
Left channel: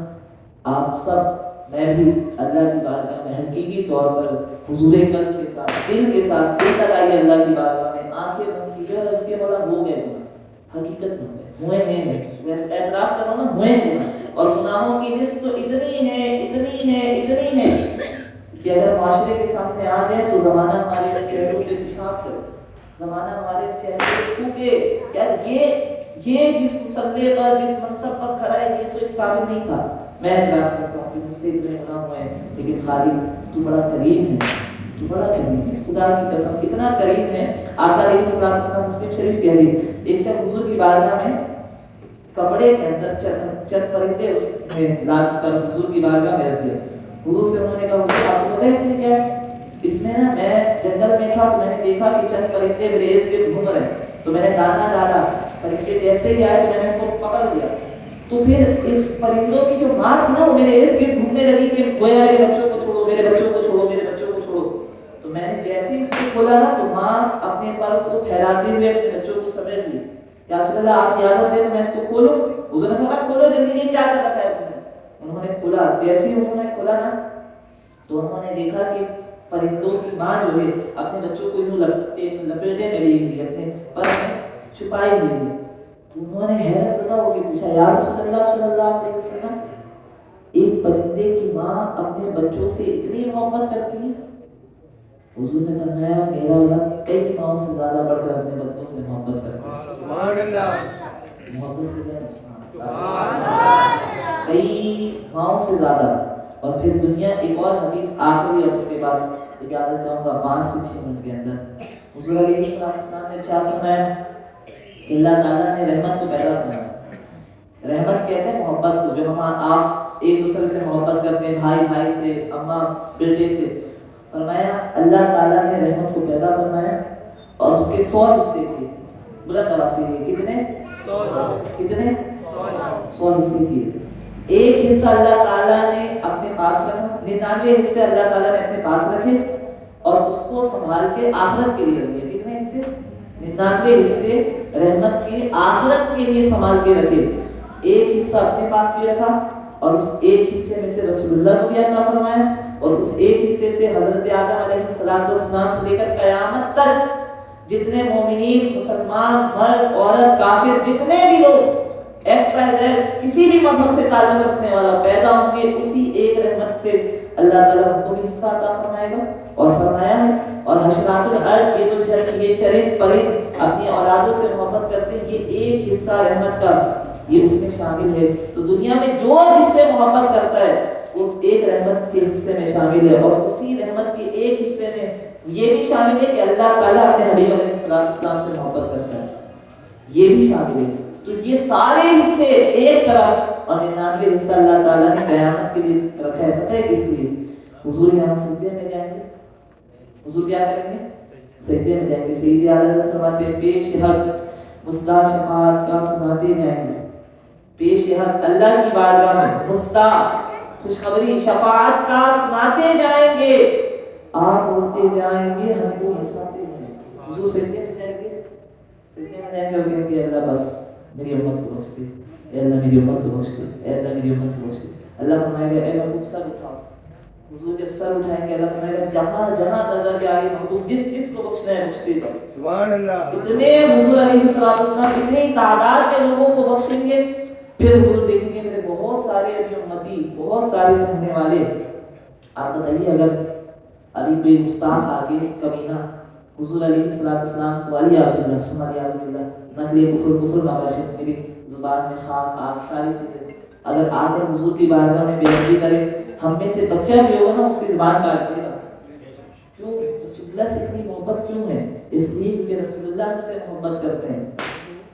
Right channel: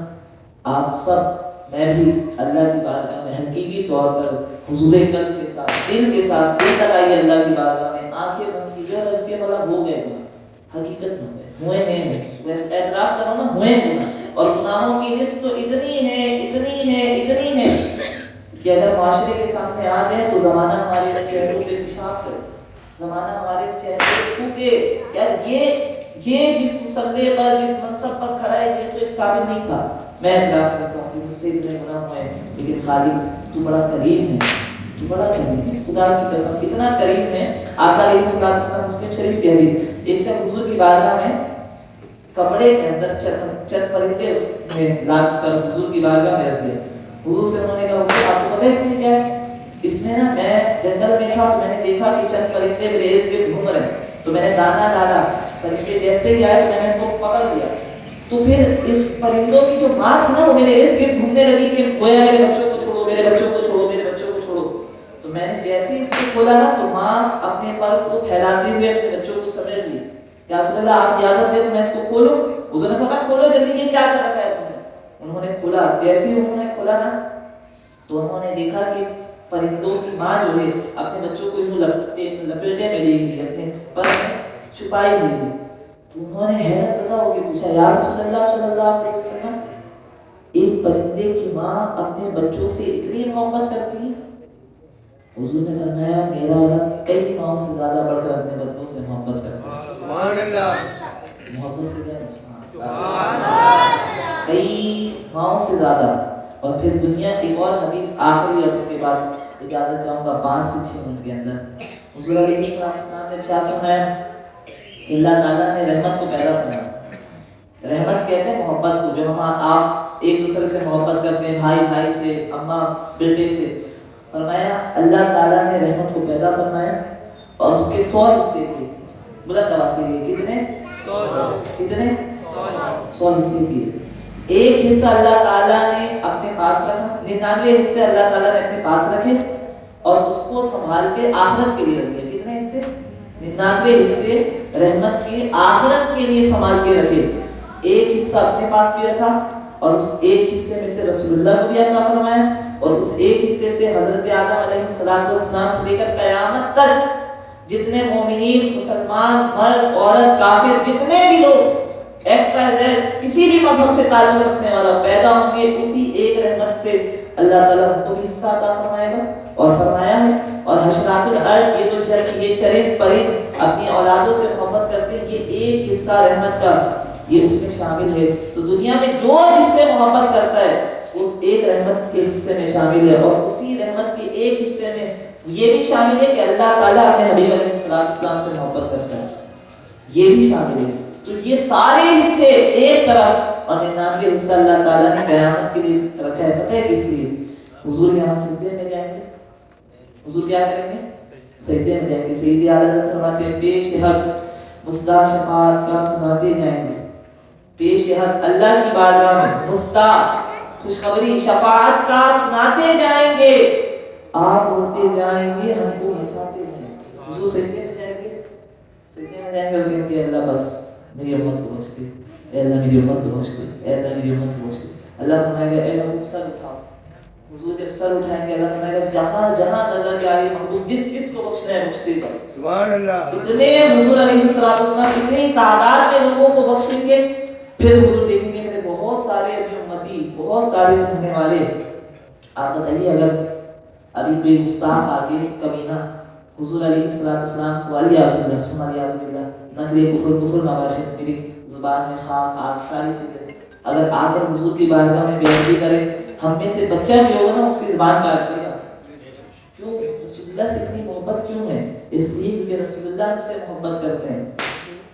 آپ سب، میں بھی اللہ کی بارگاہ میں حقیقی طور پر حضور قلب کے ساتھ، دل کے ساتھ دل لگائیے اللہ کی بارگاہ میں، آنکھیں بند کیجیے اور اس کے بعد ہو گئے گناہ، حقیقت میں ہوئے ہیں، میں اعتراف کروں نا، ہوئے گناہ، اور گناہوں کی لسٹ تو اتنی ہے کہ اگر معاشرے کے سامنے آ گئے تو زمانہ ہمارے چہروں پہ پیشاب کرے، زمانہ ہمارے چہرے پہ تھوکے، یار یہ جس مسئلے پر، جس منصب پر کھڑا ہے، یہ تو اس قابل نہیں تھا۔ میں اعتراف کرتا ہوں کہ مجھ سے اتنے گناہ ہوئے ہیں، لیکن خالق تو بڑا کریم ہے، تو بڑا کریم ہے، خدا کی قسم اتنا کریم ہے۔ آقا علیہ الصلوۃ والسلام مسلم شریف کی حدیث، ایک شخص حضور کی بارگاہ میں کپڑے کے اندر چند پرندے اس میں لا کر حضور کی بارگاہ میں رکھ دے. حضور سے انہوں نے کہا حضور آپ کو پتہ ہے اس میں کیا ہے؟ اس میں نا میں جنگل میں تھا تو میں نے دیکھا کہ چند پرندے میرے ارد گرد گھوم رہے ہیں, تو میں نے دانا ڈالا, پرندے جیسے ہی آئے تو میں نے ان کو پکڑ لیا. تو پھر اس پرندوں کی جو ماں تھی نا وہ میرے ارد گرد گھومنے لگی کہ گویا میرے بچوں کو چھوڑو, میرے بچوں کو چھوڑو, میرے بچوں کو چھوڑو. تو میں نے جیسے ہی اس کو کھولا نا تو ماں اپنے پر کو پھیلاتے ہوئے اپنے بچوں کو سمیٹ لی. یا رسول اللہ آپ اجازت دیں تو میں اس کو کھولوں؟ حضور نے کہا کھولو جلدی, یہ کیا کر رکھا ہے تم نے؟ انہوں نے کھولا. جیسے ہی انہوں نے کھولا نا تو انہوں نے دیکھا کہ پرندوں کی ماں جو ہے اپنے بچوں کو یوں لپیٹے میں لی گئی, اپنے پر چھپائی ہوئی ہے. تو انہوں نے حیرت زدہ ہو کے پوچھا یا رسول اللہ صلی اللہ علیہ وسلم ایک پرندے کی ماں اپنے بچوں سے اتنی محبت کرتی ہے؟ حضور نے فرمایا میرا رب کئی ماؤں سے زیادہ بڑھ کر اپنے بچوں سے محبت کرتا ہے. سبحان اللہ, محبت سے کئی ماؤں سے زیادہ. اور پھر دنیا ایک اور حدیث آخری ہے, اس کے بعد اجازت چاہوں گا 5 سے 6 منٹ کے اندر. حضور علیہ السلام نے ارشاد فرمایا کہ اللہ تعالیٰ نے رحمت کو پیدا فرمایا. رحمت کہتے ہیں محبت کو, جو ہم آپ ایک دوسرے سے محبت کرتے ہیں, بھائی بھائی سے, اماں بیٹے سے. فرمایا اللہ تعالیٰ نے رحمت کو پیدا فرمایا اور اس کے 100 حصے کیے. بلند آواز سے کتنے 100 حصے کیے. ایک حصہ اللہ تعالیٰ نے اپنے پاس رکھا, 99 حصے اللہ تعالیٰ نے اپنے پاس رکھے اور اس کو سنبھال کے آخرت کے لیے رکھ دیا. کتنے حصے؟ 99 حصے رحمت کے آخرت کے لیے سنبھال کے رکھے. ایک حصہ اپنے پاس بھی رکھا اور اس ایک حصے میں سے رسول اللہ کو بھی عطا فرمایا, اور اس ایک حصے سے حضرت آدم علیہ السلام سے لے کر قیامت تک جتنے مومنین, مسلمان, مرد, عورت, کافر, جتنے بھی لوگ کسی بھی مذہب سے تعلق رکھنے والا پیدا ہوں گے, اسی ایک رحمت سے اللہ تعالیٰ ان کو بھی حصہ عطا فرمائے گا. اور فرمایا ہے اور حشرات الارض, یہ جو یہ چرند پرند اپنی اولادوں سے محبت کرتے ہیں, یہ ایک حصہ رحمت کا یہ اس میں شامل ہے. تو دنیا میں جو جس سے محبت کرتا ہے اس ایک رحمت کے حصے میں شامل ہے, اور اسی رحمت کے ایک حصے میں یہ بھی شامل ہے کہ اللہ تعالیٰ اپنے حبیب علیہ السلام سے محبت کرتا ہے, یہ بھی شامل ہے. تو یہ سارے حصے ایک طرف اور 99 حصہ اللہ تعالیٰ نے قیامت کے لیے رکھا ہے. پتہ ہے کس لیے؟ حضور یہاں سجدے میں جائیں گے. حضور کیا کریں گے؟ سجدے میں جائیں گے. سیدی اعلیٰ حضرت فرماتے ہیں پیش حق مستع شفاعت کا سناتے جائیں گے. پیش حق اللہ کی بارگاہ میں مستع خوشخبری شفاعت کا سناتے جائیں گے. آپ بولتے جائیں گے, ہم کو ہنساتے جائیں گے. حضور سجدے میں جائیں گے, سجدے میں جائیں گے اور کہتے ہیں اللہ بس میری امت کو بخش دے, اے اللہ میری امت کو بخش دے, اے اللہ میری امت کو بخش دے. اللہ فرمائے گا اے محبوب سر اٹھاؤ. حضور جب سر اٹھائیں گے اللہ فرمائے گا جہاں جہاں نظر کے آگے محبوب جس جس کو بخشنا ہے بخش دے گا. سبحان اللہ. اتنے حضور علیہ السلام اتنی تعداد کے لوگوں کو بخشیں گے. پھر حضور دیکھیں گے میرے بہت سارے امتی, بہت سارے رہنے والے. آپ بتائیے اگر ابھی کوئی گستاخ آگے کمینہ حضور علیہ السلام کو علی اعوذ باللہ نقل کفر نواشد میری زبان میں خان آگ ساری چیزیں اگر آگے حضور کی بارگاہ میں بیعت کرے, ہم میں سے بچہ بھی ہوگا نا اس کی زبان کاٹ دے گا. کیوں؟ رسول اللہ سے اتنی محبت کیوں ہے؟ اس لیے کہ رسول اللہ ہم سے محبت کرتے ہیں.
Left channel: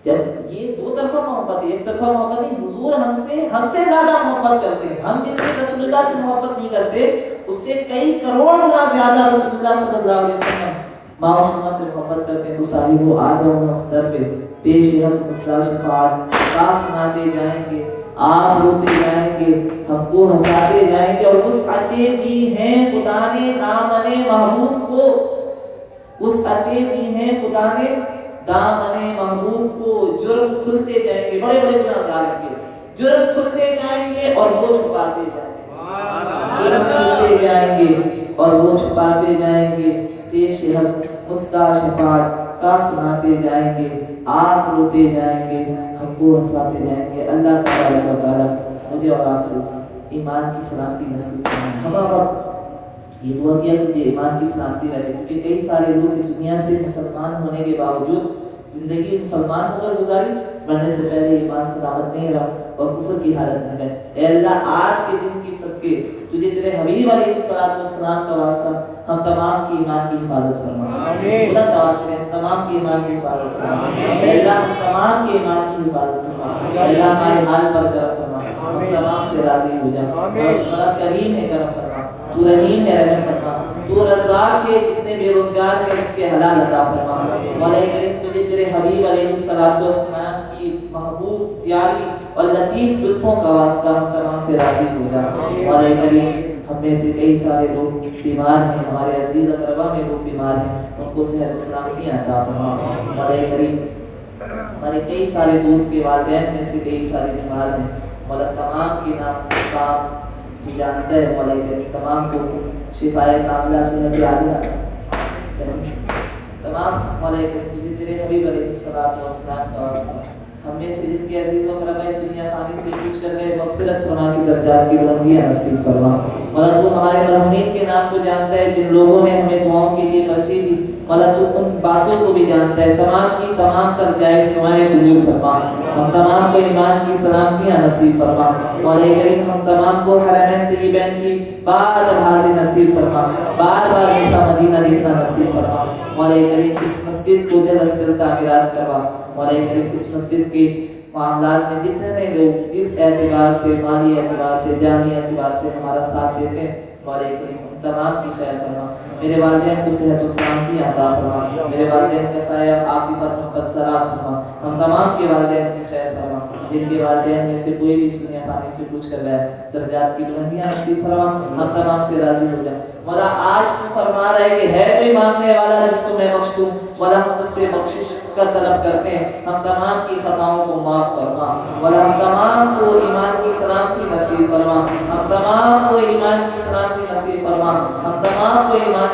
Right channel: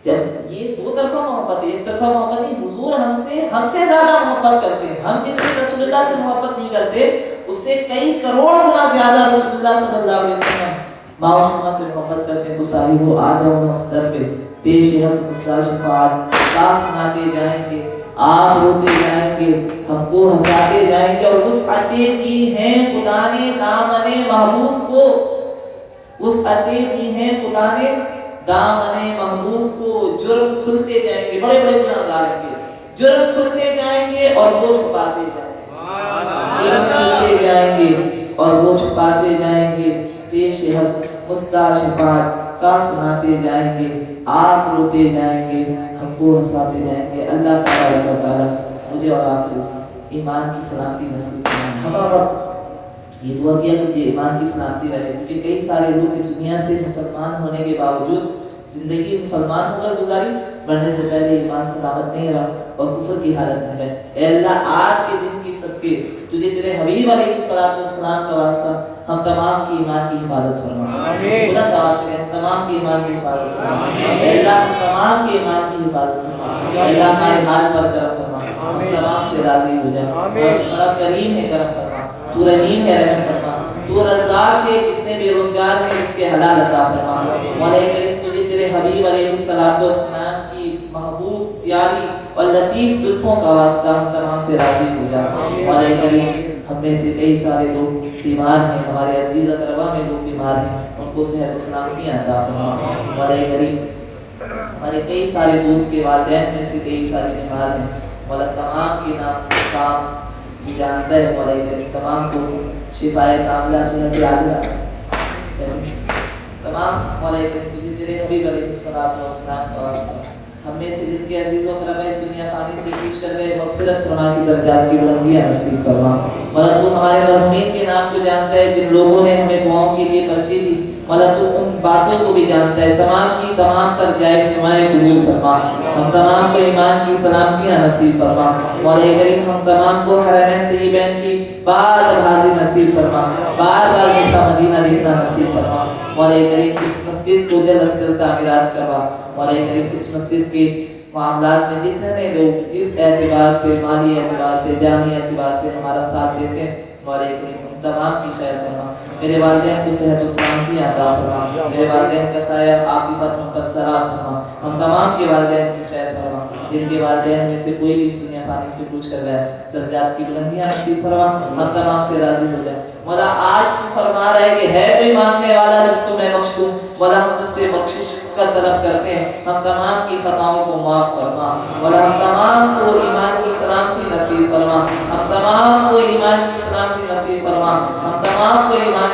جب یہ دو طرفہ محبت ہے, ایک طرفہ محبت نہیں, حضور ہم سے زیادہ محبت کرتے ہیں. ہم جتنی رسول اللہ سے محبت نہیں کرتے اس سے کئی کروڑ گنا زیادہ رسول اللہ صلی اللہ علیہ وسلم ماں شما سے محبت کرتے ہیں. تو ساری وہ آ جاؤ اس در پہ پیش حق مستع شفاعت کا سناتے جائیں گے, آپ روتے جائیں گے, ہم کو ہنساتے جائیں گے. اور وسعتیں دی ہیں خدا نے دامن محبوب کو, وسعتیں دی ہیں خدا نے دامن محبوب کو. جرم کھلتے جائیں گے, بڑے بڑے گناہگار ہیں گے, جرم کھلتے جائیں گے اور وہ چھپاتے جائیں گے. جرم کھلتے جائیں گے اور وہ چھپاتے جائیں گے. پیش حق مستع شفاعت کا سناتے جائیں گے, آپ روتے جائیں گے, ہم کو ہنساتے جائیں گے. اللہ تعالیٰ مجھے اور آپ کو ایمان کی سلامتی نصیب فرمائے. ہمارا یہ دعا کیا کہ ایمان کی سلامتی رہے, کیونکہ کئی سارے لوگ اس دنیا سے مسلمان ہونے کے باوجود زندگی مسلمان ہو کر گزاری, مرنے سے پہلے ایمان سلامت نہیں رہا. اور کفر کی حالت میں گئے. اے اللہ آج کے دن کی صدقے تجھے تیرے حبیب علیہ السلام کا واسطہ ہم تمام کی ایمان کی حفاظت فرما. بلند آواز سے ہم تمام کی ایمان کی حفاظت فرما. اے اللہ ہم تمام کی ایمان کی حفاظت فرما. اے اللہ ہمارے حال پر کرم فرما. ہم تمام سے راضی ہو جا. اور کریم ہے کرم فرما. تو رحیم ہے رحم فرما. تو رزاق ہے جتنے بے روزگار ہیں اس کے حلال عطا فرما. مولا کریم تجھے تیرے حبیب علیہ السلام کی محبوب پیاری اور لطیف زلفوں کا واسطہ ہم تمام سے راضی ہو جا. مولا کریم ہم میں سے کئی سارے لوگ بیمار ہیں, ہمارے عزیز اقربا میں لوگ بیمار ہیں, ان کو صحت و سلامتی عطا فرما. مولا کریم ہمارے کئی سارے دوست کے والدین میں سے کئی سارے بیمار ہیں. مولا تمام کے نام کی جانتا ہے. مولا کریم تمام کو شفائے کاملہ صحت عاجلہ تمام. مولا کریم تیرے حبیب علیہ السلام کا واسطہ ہم میں سے جن کے عزیز و کرم اس دنیا فانی سے پوچھ کر گئے مغفرت فرما کی درجات کی بلندیاں نصیب فرما. مولا تو ہمارے مرحومین کے نام کو جانتا ہے, جن لوگوں نے ہمیں دعاؤں کے لیے ترجیح دی. مولا تو ان باتوں کو بھی جانتا ہے. تمام کی تمام تر جائز نمائیں قبول فرما. ہم تمام کو ایمان کی سلامتیاں نصیب فرما. مولا کریم ہم تمام کو حرمین طیبین کی بار حاضر نصیب فرما. بار بار میٹھا مدینہ دیکھنا نصیب فرما. مولا کریم اس مسجد کو جلد از جلد تعمیرات کروا. مولا کریم اس مسجد کے معاملات میں جتنے لوگ جس اعتبار سے, مالی اعتبار سے, جانی اعتبار سے ہمارا ساتھ دیتے ہیں, مولا کریم ان تمام کی خیر فرما. میرے والدین کو صحت و سلامتی عطا فرما. میرے والدین کا سایہ عاقبت ہم پر تراز فرما. ہم تمام کے والدین کی خیر فرما. جن کے والدین میں سے کوئی بھی دنیا پانی سے پوچھ کر گئے درجات کی بلندیاں نصیب فرما. ہم تمام سے راضی ہو جائے. مولا آج تو فرما رہا ہے کہ ہے کوئی مانگنے والا جس کو میں بخش دوں. مولا ہم تجھ سے بخشش کا طلب کرتے ہیں. ہم تمام کی خطاؤں کو معاف فرما. مولا ہم تمام کو ایمان کی سلامتی نصیب فرما. ہم تمام کو ایمان کی سلامتی نصیب فرما. ہم تمام کو ایمان